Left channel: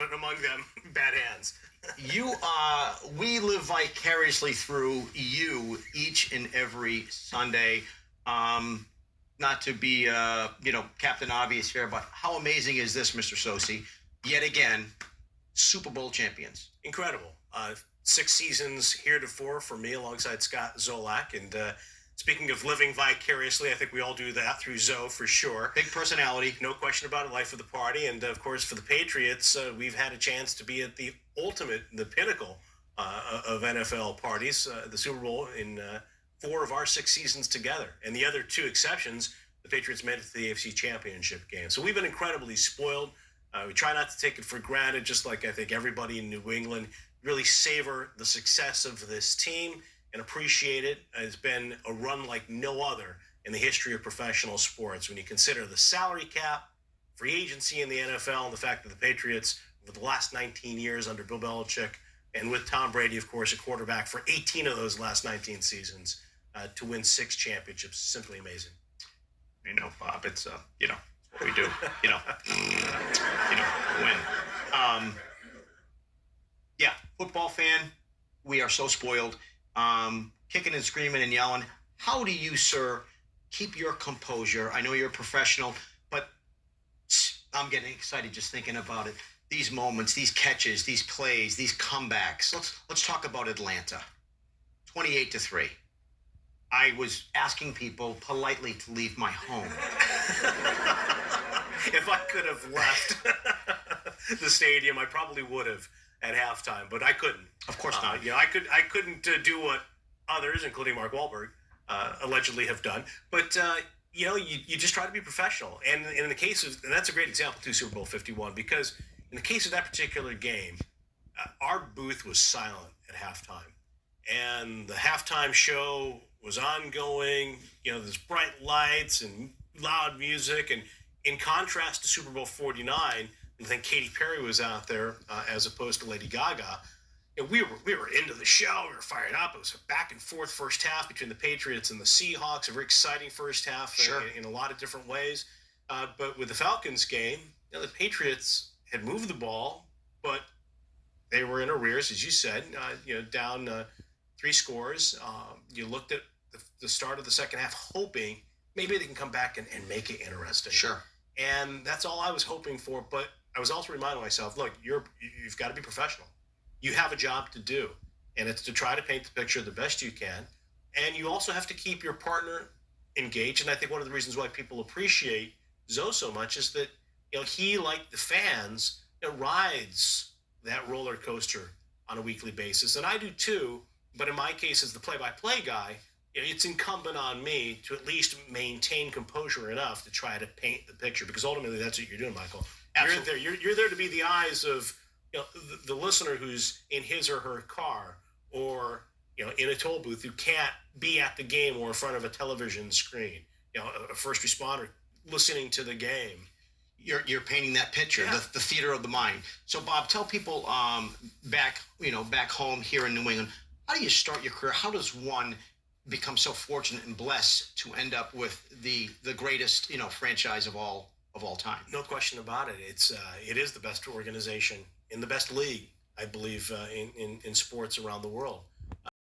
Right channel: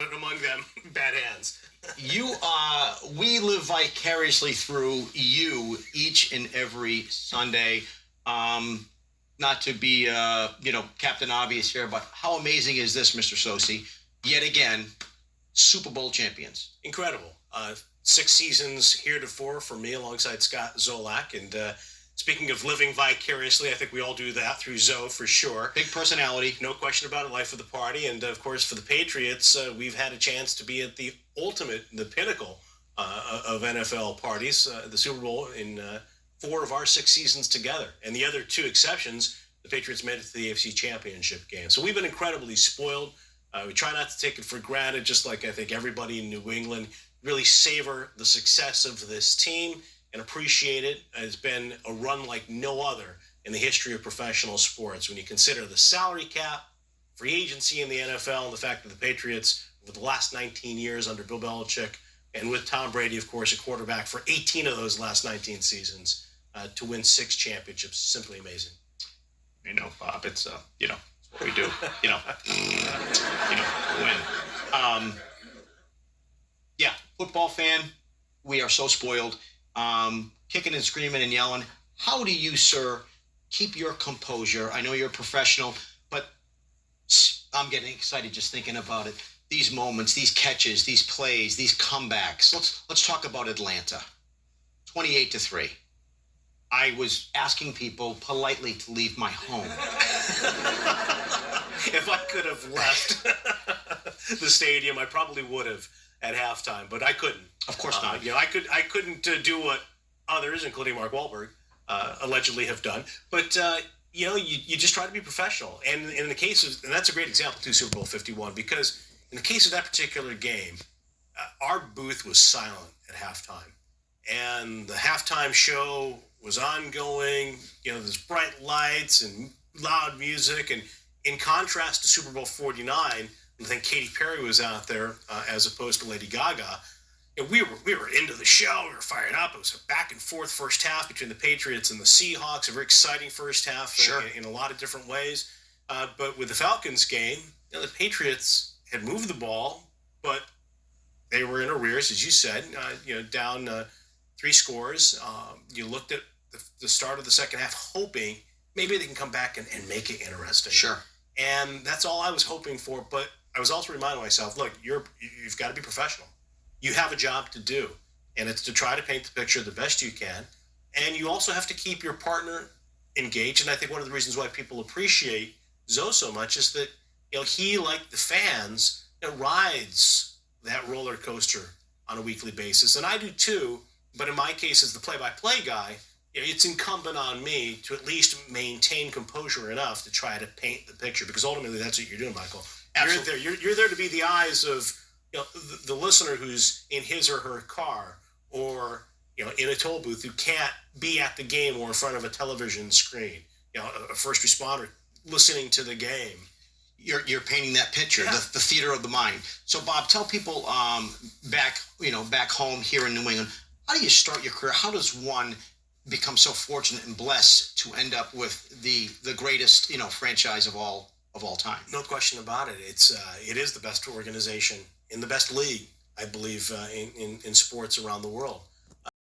among them bad hands. We live vicariously through you each and every Sunday. Um, Not to be, Captain Obvious here, but how amazing is this, Mr. Socci? Yet again, Super Bowl champions. Incredible. 6 seasons heretofore for me alongside Scott Zolak. And speaking of living vicariously, I think we all do that through Zoe for sure. Big personality. No question about it, life of the party. And of course, for the Patriots, we've had a chance to be at the ultimate, the pinnacle of NFL parties, the Super Bowl in 4 of our 6 seasons together. And the other 2 exceptions, the Patriots made it to the AFC Championship game. So we've been incredibly spoiled. We try not to take it for granted, just like I think everybody in New England. Really savor the success of this team and appreciate it. It's been a run like no other in the history of professional sports. When you consider the salary cap, free agency in the NFL, and the fact that the Patriots, over the last 19 years under Bill Belichick, and with Tom Brady, of course, a quarterback for 18 of those last 19 seasons, to win 6 championships, simply amazing. Bob, it's what we do. Win. Yeah, football fan, we are so spoiled. Kicking and screaming and yelling. How do you, sir, keep your composure? I know you're a professional, but I'm getting excited just thinking about it. These moments, these catches, these plays, these comebacks. Let's talk about Atlanta. 28-3. I was asking people politely to leave my home. If I could have left the stadium, I probably would have at halftime, but I couldn't. Of course not. I couldn't do what others, including Mark Wahlberg, allegedly have done. But you just try to be professional. And in the case of, and that's a great example too, Super Bowl 51, because in the case of that particular game, our booth was silent at halftime, and the halftime show was ongoing. There's bright lights and loud music, and in contrast to Super Bowl 49, I think Katy Perry was out there as opposed to Lady Gaga. We were into the show. We were fired up. It was a back and forth first half between the Patriots and the Seahawks. A very exciting first half. Sure. In a lot of different ways. But with the Falcons game, the Patriots had moved the ball, but they were in arrears, as you said. Down 3 scores. You looked at the start of the second half, hoping maybe they can come back and make it interesting. Sure. And that's all I was hoping for. But I was also reminding myself, look, you've got to be professional. You have a job to do, and it's to try to paint the picture the best you can. And you also have to keep your partner engaged. And I think one of the reasons why people appreciate Zoe so much is that he, like the fans, rides that roller coaster on a weekly basis, and I do too. But in my case, as the play-by-play guy, it's incumbent on me to at least maintain composure enough to try to paint the picture, because ultimately that's what you're doing, Michael. Absolutely. You're there to be the eyes of the listener who's in his or her car, or in a toll booth, who can't be at the game or in front of a television screen. A first responder listening to the game. You're painting that picture, Yeah. the theater of the mind. So, Bob, tell people back home here in New England, how do you start your career? How does one become so fortunate and blessed to end up with the greatest franchise of all time? No question about it. It is the best organization in the best league, I believe, in sports around the world.